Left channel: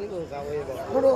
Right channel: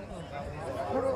ఇప్పుడు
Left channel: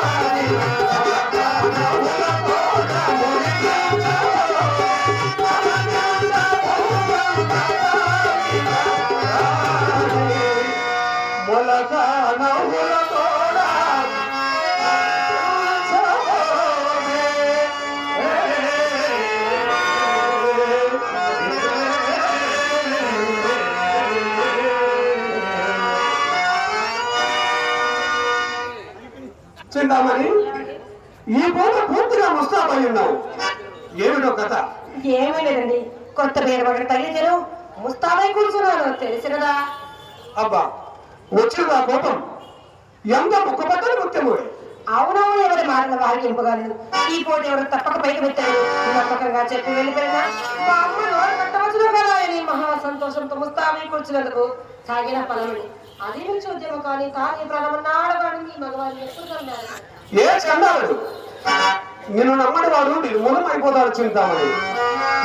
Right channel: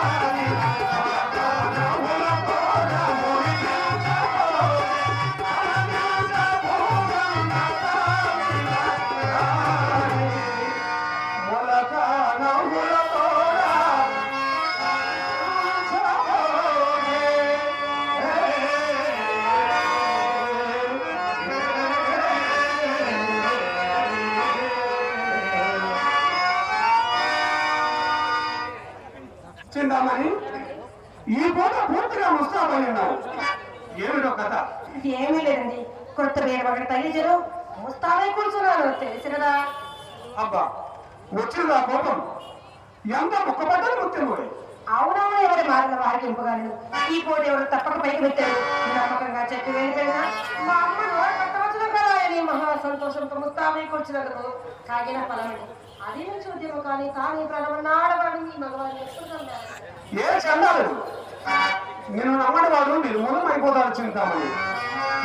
Maria. పేరు ఒకటి తల్లిదిరు ముస్తాబై కూర్చున్నారు తెలుసు కదా? అబ్బా వచ్చిందా కోపం. ఎంత ముఖపడ్డ ముఖ్యముడే అవునవును ఎవరి మాటలు వారికింపగలదు ఈ పూట ఎవరు తప్పక పైకి పెట్టారు? నమ్మకంగా చెప్పి వెళ్ళిపోయినా మా అమ్మ నోరు కట్టవచ్చును కదా అని మహా సంతోషంతో ముస్తాబై కూర్చున్నందుకు తాగిన ఫలమని అది నుంచి ఉద్యమం కానీ కానీ ప్రారంభం మగవాడిని ఎత్తుకున్నాను ఏ స్కండాలుడు నిన్ను నమ్మడి వాడు నిర్మూలం అయిపోతాడు చింతామణి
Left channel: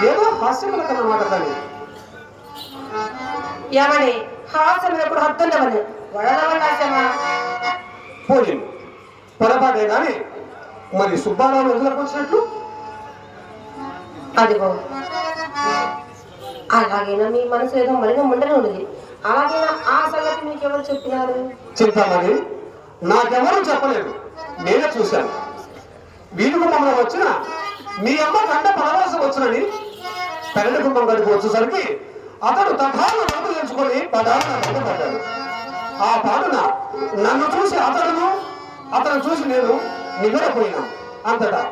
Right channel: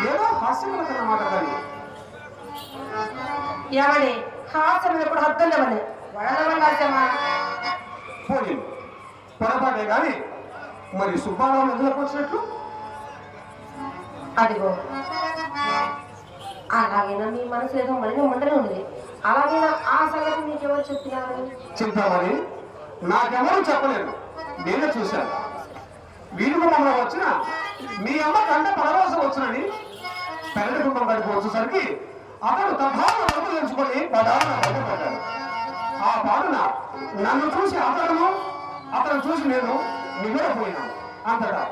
ఏదో హాస్యములకర మాట్లాడాలి ఏమని? హాసనం ఎప్పుడు హత్తున్నామని వడదవటాశమా పోయి పొరపాటే గాని మరి సుబ్బారావు వదిలకు వచ్చినట్లు అదిగో అలాగైనా మీ మనసు ఏదో మళ్ళీ ఉండనే ఉండదు అలాగైనా ఆ సంగతి మీకు ఎవరు చెప్పినారు చింతామణి నాకెవరూ చెప్పలేదు. నేనే చూశాను. వీరి కుటుంబంలో వచ్చిన మీ అమ్మ కంట పరవశం వచ్చినని తండ్రి కుటుంబం గడికి వచ్చేసరికి అతడు తఠాలు డబ్బులు ఎంచుకొని పదాలు నా పడ్డాడు ఆ పాటన నన్ను చూసి అతడును అతను చూసి నేను నివ్వెరపోయినాను అంతటా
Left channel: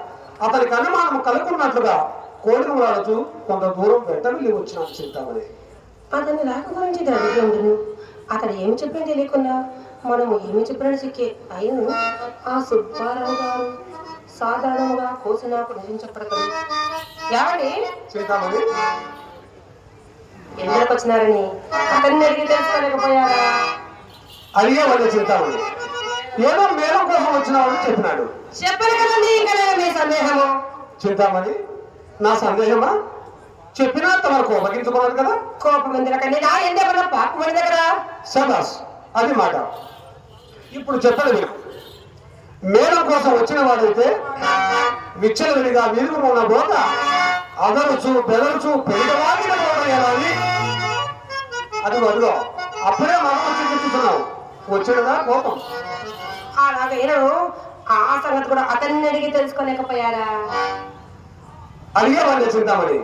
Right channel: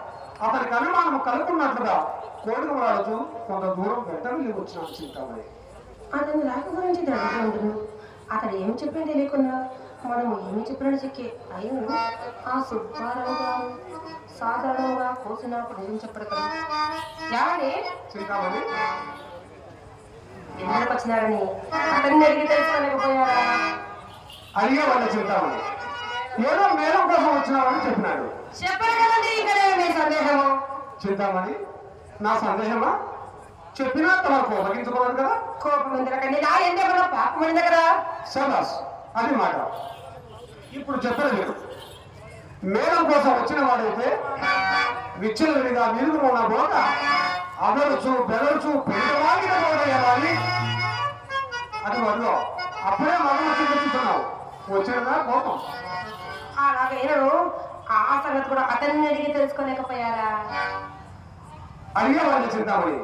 అతని కన్నమానం కలుకున్నట్లుగా కోడిమరాజు కొంత దూరం వెంటనే వచ్చిన చింతామణి అతని రాక గురించి దగ్గర ఉండును. అతను ఏమి చెప్పింది తెలియకుండా మనం ఏమి చెప్పినా చెక్కే అయిన ఆ సుబ్బారావు గారు సాధారణంగా కోసినప్పుడు ఏం ఏమండి? చింతామణి ఎందుకు వచ్చినారని? అతన్ని అడిగి తెలుసుకోలేకపోయారా? అడిగే వాళ్ళ చింతామణి ఏదో మేడం కోసం వచ్చినావని చెప్పినాడు. చెప్పండి కదండి ఇంకా మీ సందేహము చింతామణి నా సందేహమా? చెప్పినా తమ కోపగించుకోవాలి కదా. కోపం ఉంది నా ఎందేమన్నా పాపం ఉంది కదా? శబాస్ అది మాట. ఇప్పుడు చెప్పదు మేడం కోసం వచ్చిన వాడైతే విచ్చలవిడిగా వీరు ఉన్న బోట అదరుచు బెదరుచు పెరిగవాడిన బోట ఎలా అని. అది వాళ్ళు అప్పుడే మనం వచ్చి చెప్తున్నావు. వచ్చినదా కోపం? అలాగైనా ఆ సంగతి కూడా అతన్ని అడిగి తెలుసుకోలేకపోయారా? అడిగే వాళ్ళు చింతామణి.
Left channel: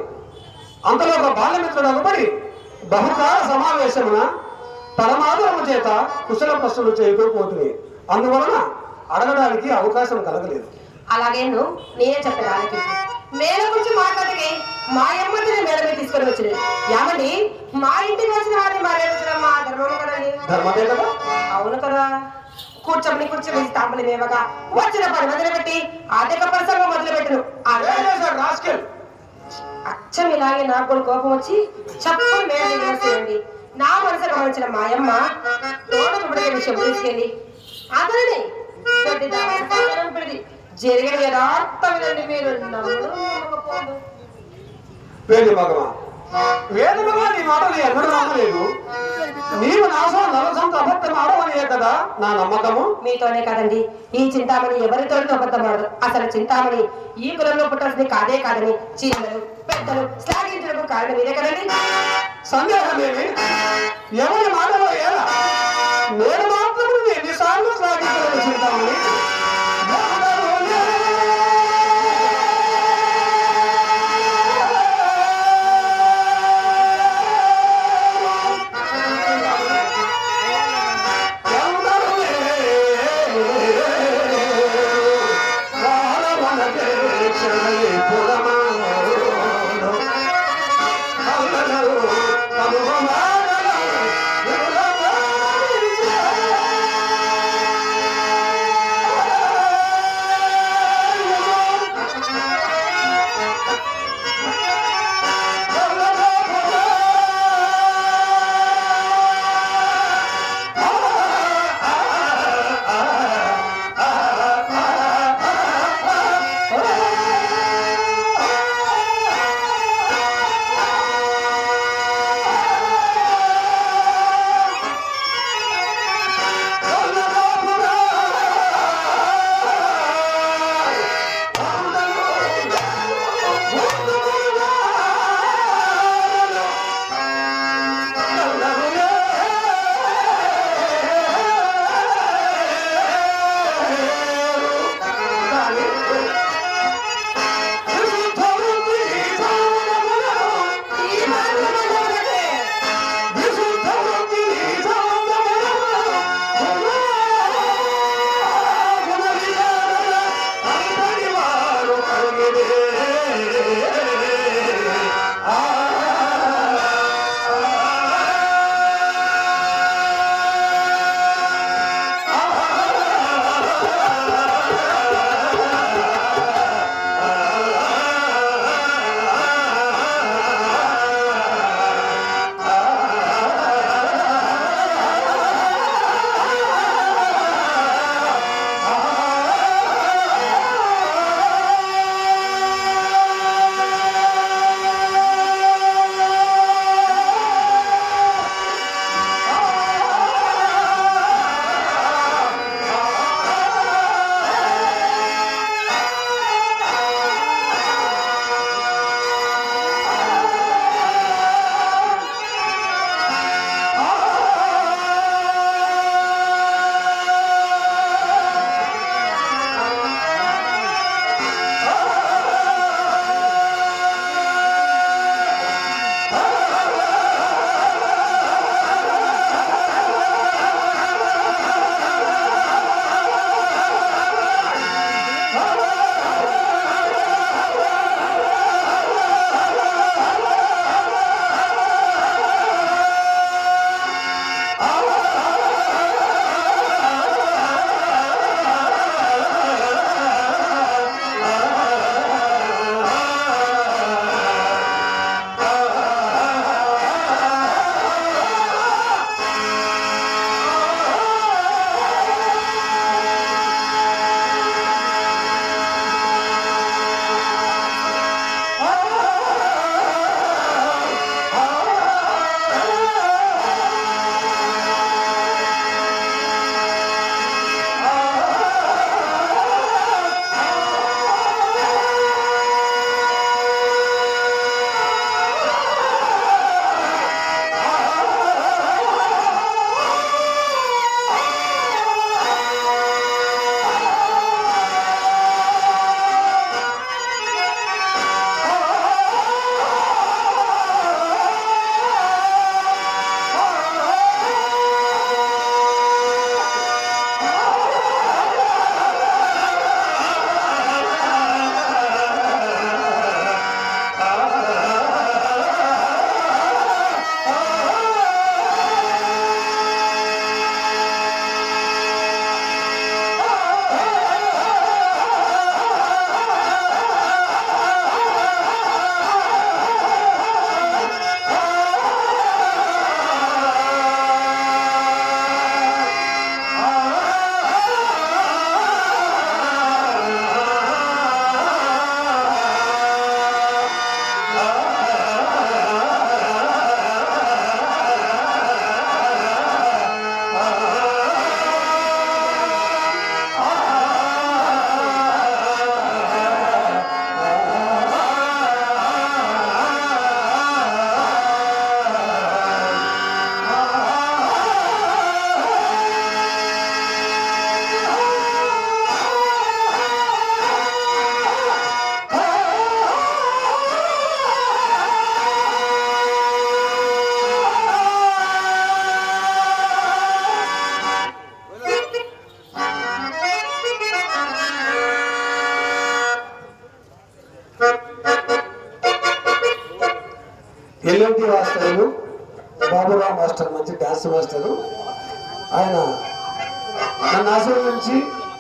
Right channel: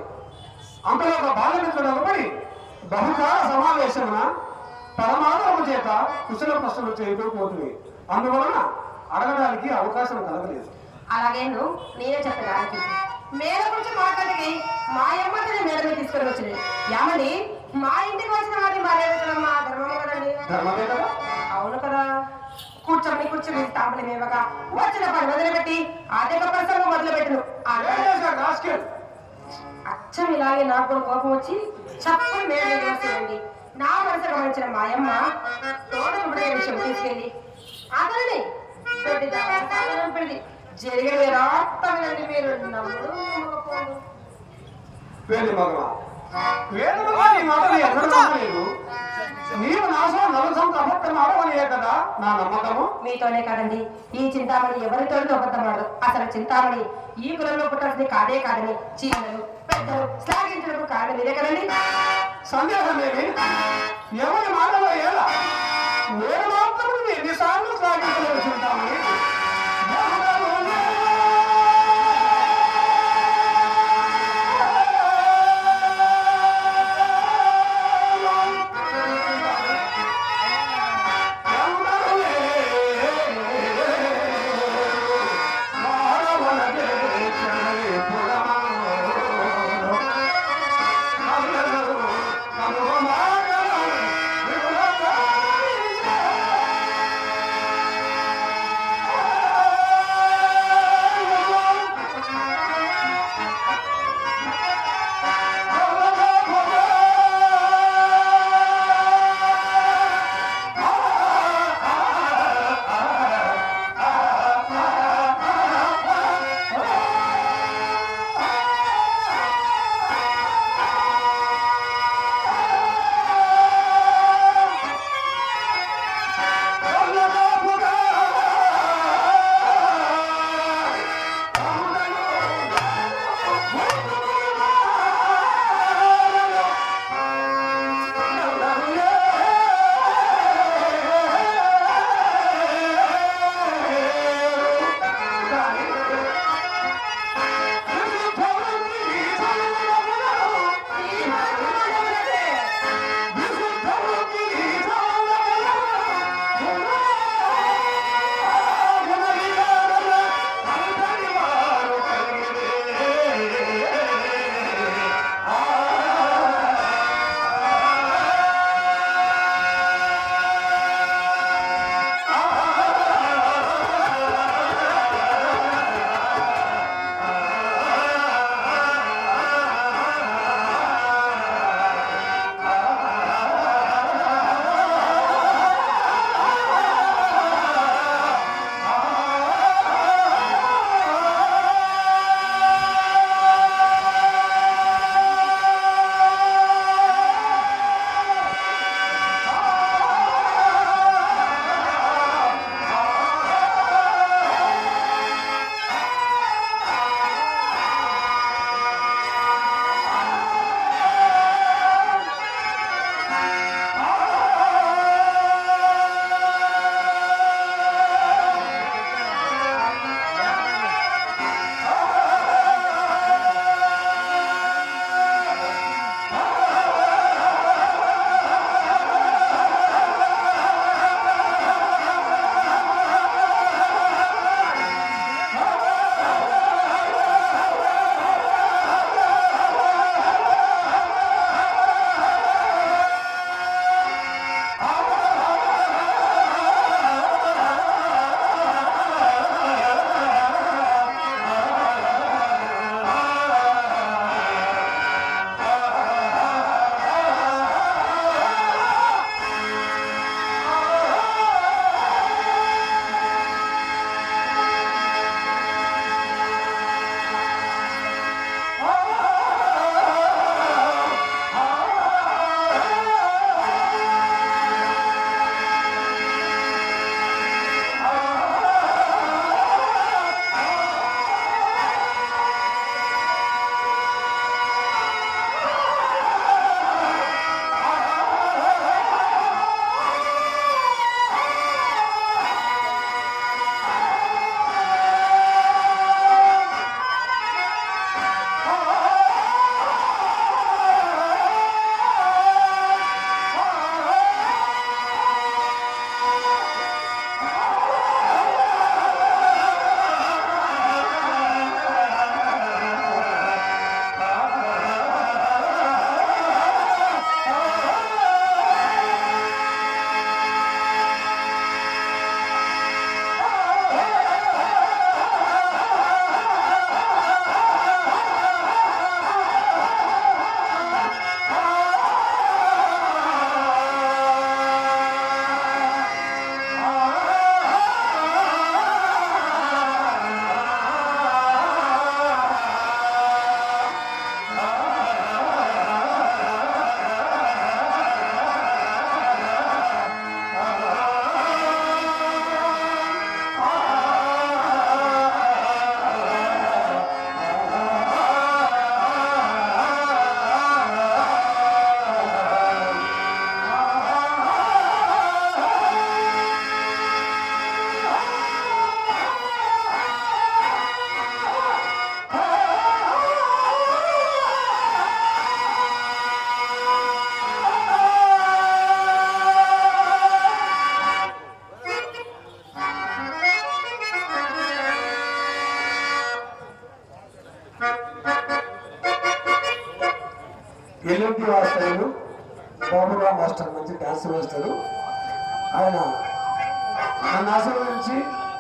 అంతలో ఒక బాలమిత్రుడు అనుబడి బహుకాల సమావేశమున తలమాదము చేత కుశల ప్రశ్నలు చేయకపోతుంది అందువలన అడగడానికి అవకాశం కలగలేదు. అలాగే నేనే చెప్పిన వారికి మేల గురించి మాట్లాడితే మా అమ్మని మేడమే తీసుకొని వచ్చింది. ఏమండి? మా ఇంటికి వచ్చిన మారేస్తున్న మా ధర్మమే కదా అవును కదా. కూర్చొని కూర్చొని తాములు మేమగా వచ్చిన పని మొదలుపెట్టి మొదలుపెట్టను ఏం చేశాడు రాస్కెల్? అచ్చం ఇలాగే నాకు కోపం వచ్చి చెప్పు మేడ వేసేయండి నా మనసులో వచ్చిన మాయమ్మ తోట విషయం తీసుకెళ్ళి అతని దొడ్డిదాన్ని తాళం పెట్టి జరిగిన రాత్రి మీరు నమ్ముడు నమ్మకపోదు. వేడి మగమా. వేడి మగ నీ మాటలు ఎన్నడూ నమ్మలేదు. నీవు నాశనం నలసంత అబద్ధం ఆడమనియే కదా నా నమ్మకము? మీతోనే కాదండి. ఈ చింతామణి ఎవరితో అబద్ధమాడు అసలు చింతామణి ఈ కులంలో పుట్టాల్సింది కాదే కాదని చిన్నలు పెద్దలు శ్లాఘించడం కారణం ఇదే కదండి. సందేహమేమి ఎవరి మాటలో ఎలా నేను మాత్రం ఎన్నిసార్లు సాగించలేదు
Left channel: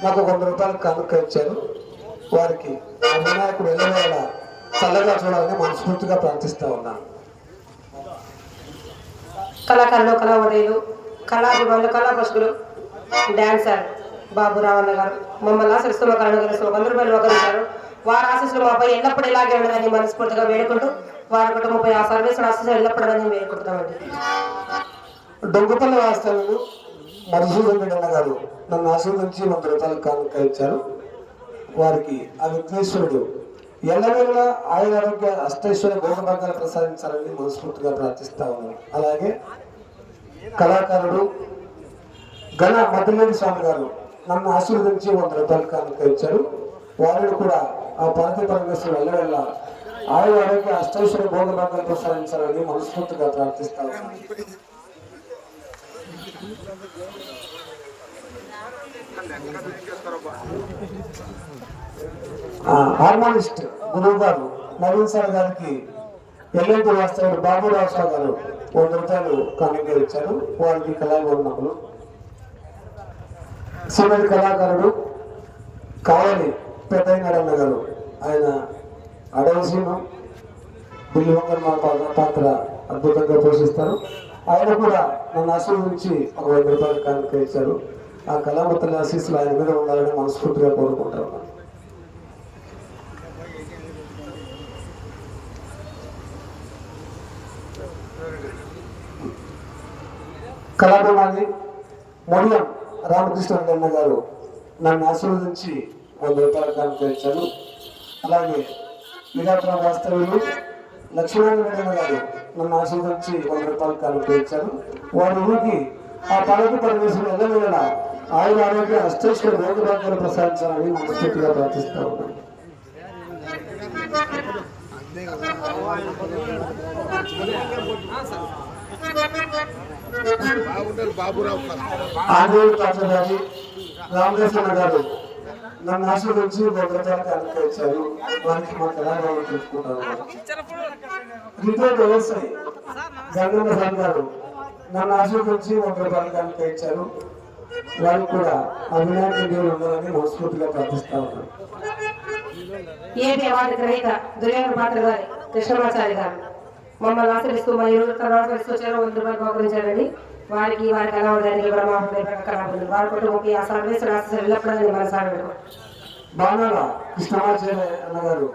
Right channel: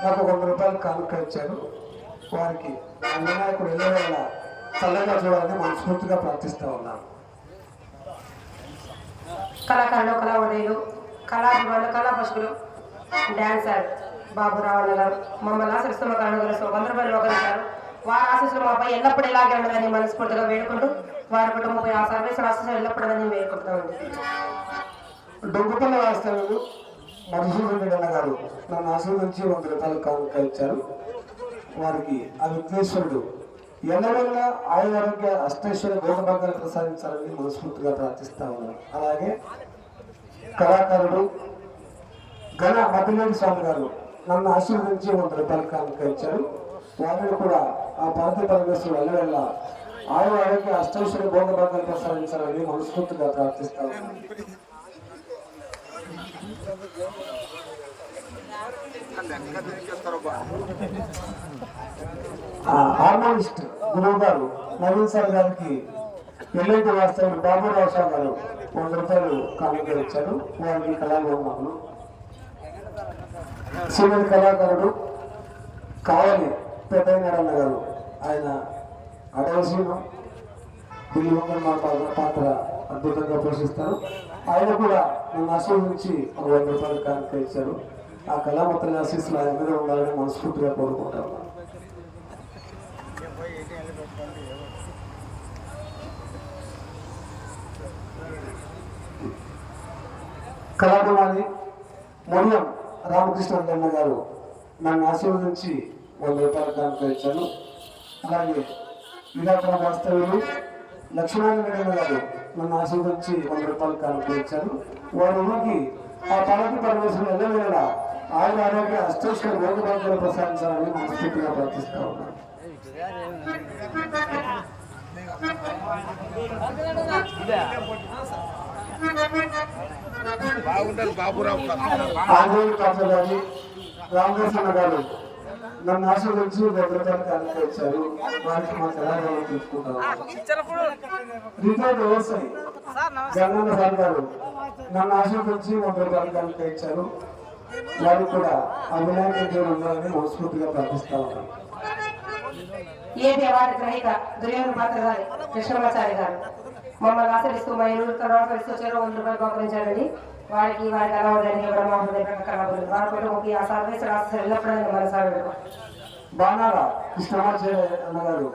నాకు వంద రూపాయలు కానుక ఇచ్చారు వారికి వినాయకుడు వెళ్ళవేళ చల్లగా చూడాలని మనస్ఫూర్తిగా ప్రార్థిస్తా ఉన్నాను కళాకారులు కళావడీలు కళాభిమానులు కళాపశులు డాన్సర్ బాబురావు గారు మమ్మల్ని ఆశిస్తున్న కళాకారులు వంద రూపాయలు ఒకరించారు వారి ఆశీస్సులు మాపై ఎల్లప్పుడూ ఇలాగే ఉండాలని మనస్ఫూర్తిగా వేడుకుంటూ వారి కుటుంబంపై ఆ సర్వీసులు ఆశీస్సులు ఎల్లప్పుడూ వేడుకుంటామండి డొంగుపల్లి వాస్తవ్యులు మధుసూదన్ రెడ్డి గారు నన్ను ఆశీర్వదించి వంద రూపాయలు కానుక ఇచ్చారు. వారికి ఆ విఘ్నేశ్వరుడు ఎల్లవెల్ల ఆయుర ఆరోగ్య అష్టేశ్వర భోగభాగ్యాలు ప్రసాదించాలని మనస్ఫూర్తిగా ప్రార్థిస్తా ఉన్నాను. అలాగే కళాకారుడు ఘన మధులేని స్వామి గారు నన్ను ఆశీర్వదించి వంద రూపాయలు కానుక ఇచ్చారు. వారిని కూడా ఆ పార్టీ పరమేశ్వరుడు ఎల్లవెల్ల ఆయు ఆరోగ్య అష్టేశ్వర భోగభాగ్యాలు ప్రసాదించాలని మనస్ఫూర్తిగా ప్రార్థిస్తా ఉన్నాను. హార్మోనిస్ట్ గురువు గారు నవీన్ సార్ గారికి ఎల్ఐటి వాస్తవుడు బాబురావు సార్ గారు వంద రూపాయలు కానుక ఇచ్చారు. వారికి కళాభిమానులు సీనియర్ కళాకారుడు కావలి పెద్దయ్యనరన్న గారు ఆయన అడవసీమ బిల్లి వంగన పాత్ర పాత్ర అద్భుతంగా పోషిస్తారు. ఆయన కూడా నన్ను ఆశీర్వదించి ఒక వంద రూపాయలు కానుక ఇచ్చారు. ఆ కళామతల ఆశీస్సులు ఆయన మీద ఉండాలని మనస్ఫూర్తిగా కోరుకుంటాను కళాభిమాని మొడియం రామకృష్ణ గన్న గారు నన్ను ఆశీర్వదించి వంద రూపాయలు కానుక ఇచ్చారు. అలాగే విరాపురం వాస్తవ్యులు లక్ష్మీనారాయణ గారు నన్ను ఆశీర్వదించి వంద రూపాయలు ఇచ్చారు. వారి ఊరికి ఆ పాలక పరమేశ్వరుడు ఆయన ఆరోగ్య అష్టేశ్వర భోగభాగ్యాలు ప్రసాదించాలని మనస్ఫూర్తిగా ప్రార్థిస్తా ఉన్నాను. బాగుంటారు బాబురావు. ఫస్ట్ ఆంజనేయ పాత్ర గారి రామకృష్ణ గారు నన్ను ఆశీర్వదించి వంద రూపాయలు కానుక ఇచ్చారు వారికి మా తెలంగాణ చూసుకుంటా ఉన్నాను రిటైర్డ్ వ్యవసాయ్ గంగన్న సార్ గారు నన్ను ఆశీర్వదించి వంద రూపాయలు కనుక ఇచ్చారు వారు కూడా ఆ దేవుడు ఉండాలని మనస్ఫూర్తిగా ప్రార్థిస్తా ఉన్నాం. ఏది అవార్డు గ్రహీత దుర్యోగ పాత్రధారి కృష్ణమాచారి గారు. మమ్మల్ని ఆచరిస్తూ మా ఇరువురు కళాకరిస్తూ చేరో వంద రూపాయలు ఉపకరించారని వారికి వారి కళావడానికి కూడా మా హృదయపూర్వక కళాబంధులు వారి కుటుంబంకి ఆ సర్వీసులు వెళ్ళప్పుడు ఎల్లప్పుడూ మనసులో పెడతాం బాణాల కృష్ణమాచార్య గారు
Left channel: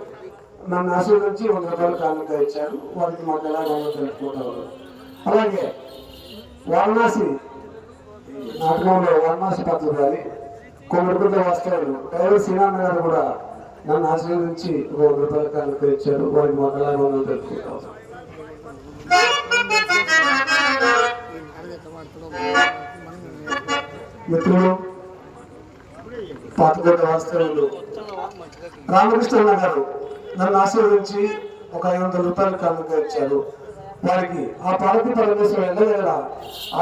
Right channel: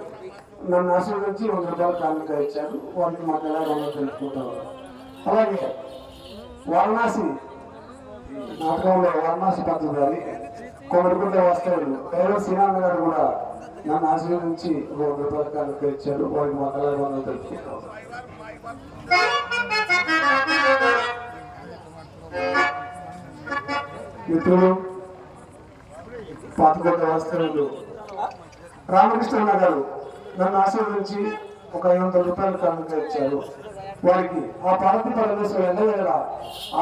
నన్ను ఆశీర్వదించి వంద రూపాయలు కానుకగా ఇచ్చారు. వారికి మా తెలంగాణ తెలుసుకుంటా ఉన్నాను అలాగే వారణాసి నాటకంలో వారణాసి పాత్ర గారి కొమ్మడిగుడ్డ వాస్తవుడు డ్రైవర్ శ్రీనారాయణ గారు కూడా నన్ను ఆశీర్వదించి వంద రూపాయల కానుకగా ఇచ్చారు. వారికి మా తెలంగాణ తెలుసుకుంటా ఉన్నాను మిత్రులు పాతగొడ్డ వాస్తవులు రామకృష్ణ గారు నన్ను ఆశీర్వదించి ఒక ఐదు వందల రూపాయలు కానుక ఇచ్చారు. వారికి ఆ పార్టీ పరమేశ్వరుడు ఎల్లవేళ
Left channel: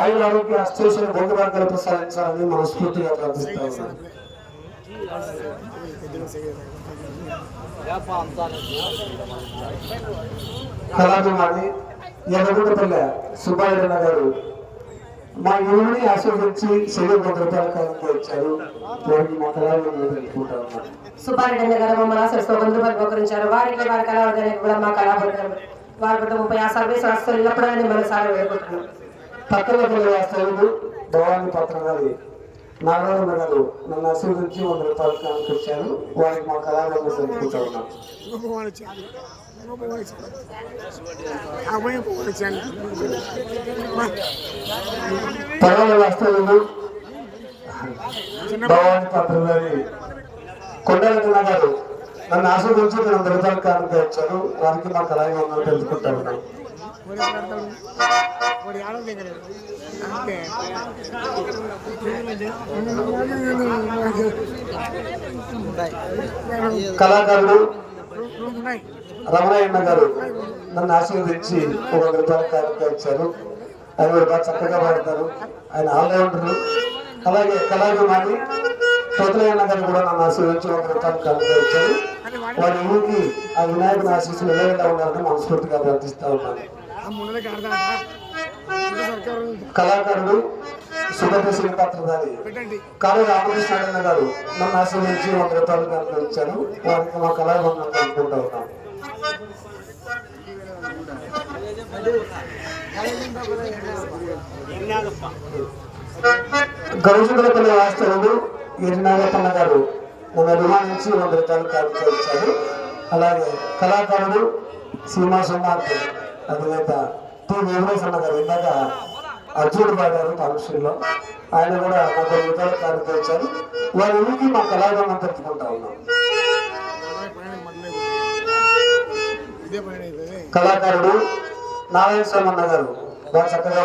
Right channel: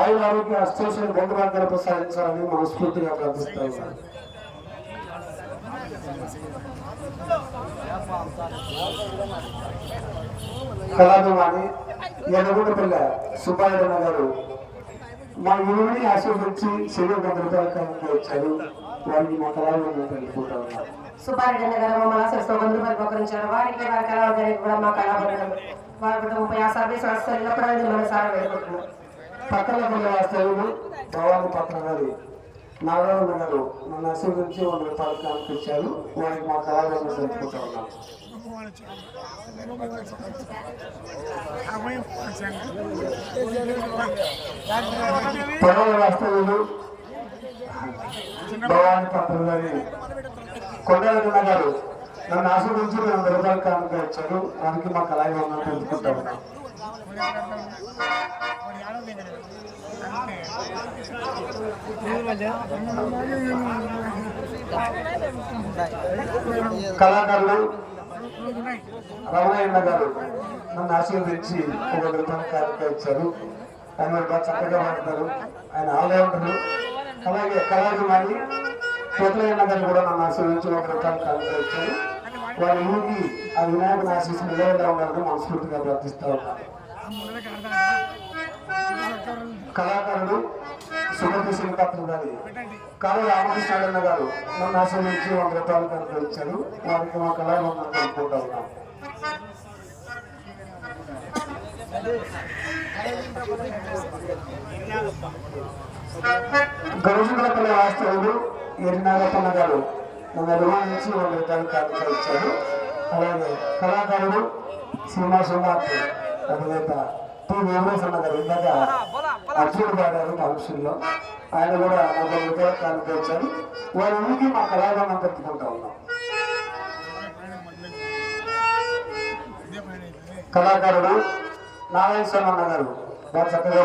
ఆయన ఆరోగ్య అష్టేశ్వర భోగభాగ్యాలు ప్రసాదించాలని మనస్ఫూర్తిగా ప్రార్థిస్తా ఉన్నాను. కళాభిమాని ఎర్రగుంటపల్లె సుబ్బారెడ్డి గారు మా యువని ఆశీర్వదించి శరీర వంద రూపాయల కానుక ఇచ్చారు వారికి మా కళాభిమానులు తెలుసుకుంటా ఉన్నాను సుబ్బారెడ్డి గారు మమ్మల్ని వారికి వారి కూడా మా వారి వేడుకుంటున్నాం పక్కన భవాని పక్కన గారి నారాయణ గారు నన్ను ఆశీర్వదించి వంద రూపాయలు జ్ఞానం తెచ్చారు వారికి మా కళాభిమానులు తెలుసుకుంటా ఉన్నాను. పదవ వాస్తవులు. భవాని పక్కన గారి కొండలకన్న గారు నన్ను ఆశీర్వదించి వంద రూపాయలు కారణంగా ఇచ్చారు వారికి మా కళాభిమానులు తెలుసుకుంటా ఉన్నాం ఉన్నాను కళాకారుడు రమణయ్య గారు నన్ను ఆశీర్వదించి ఒక వంద ఇచ్చారు. ఆయన కూడా చక్కగా వాడతారు ఆయన ఆల్రౌండర్. అలాగే కళాభిమాని పెద్దలయ్య గారు కూడా నన్ను ఆశీర్వించి ఒక రూపాయల ఇచ్చారు. వారి ఊరికి ఆ వినాయకుని ఆశీస్సులు ఏ విధంగా ఉండాలని మనస్ఫూర్తిగా ప్రార్థిస్తూ ఉన్నాను. కళాకారుడు సుమతి శ్రీపాత్రధారి కాళీ రామకృష్ణ గారు నన్ను ఒక రూపాయలు కనుక ఇచ్చారు వారికి మా కళాభవనం జరుపుకుంటూ ఉన్నాం గరుజుల వాస్తవుడు ఎరినాగప్పన్న గారు నన్ను అభిమానించి ఒక రూపాయలు కనుక ఇచ్చారు అలాగే కళాకారుడు సీమా సోమార్తి అధినేత టి వెంకటేశ్వర గారు ఇందాక అర్జునుడు పాడారు ఆయన కూడా నలభై రూపాయలు కార్డు తెచ్చారు. వారి ఊరికి మా కళాభవనం పెట్టుకుంటా ఉన్నాం. కళాకారుడు నారాయణ స్వామి అన్న గారు బాగా చక్కగా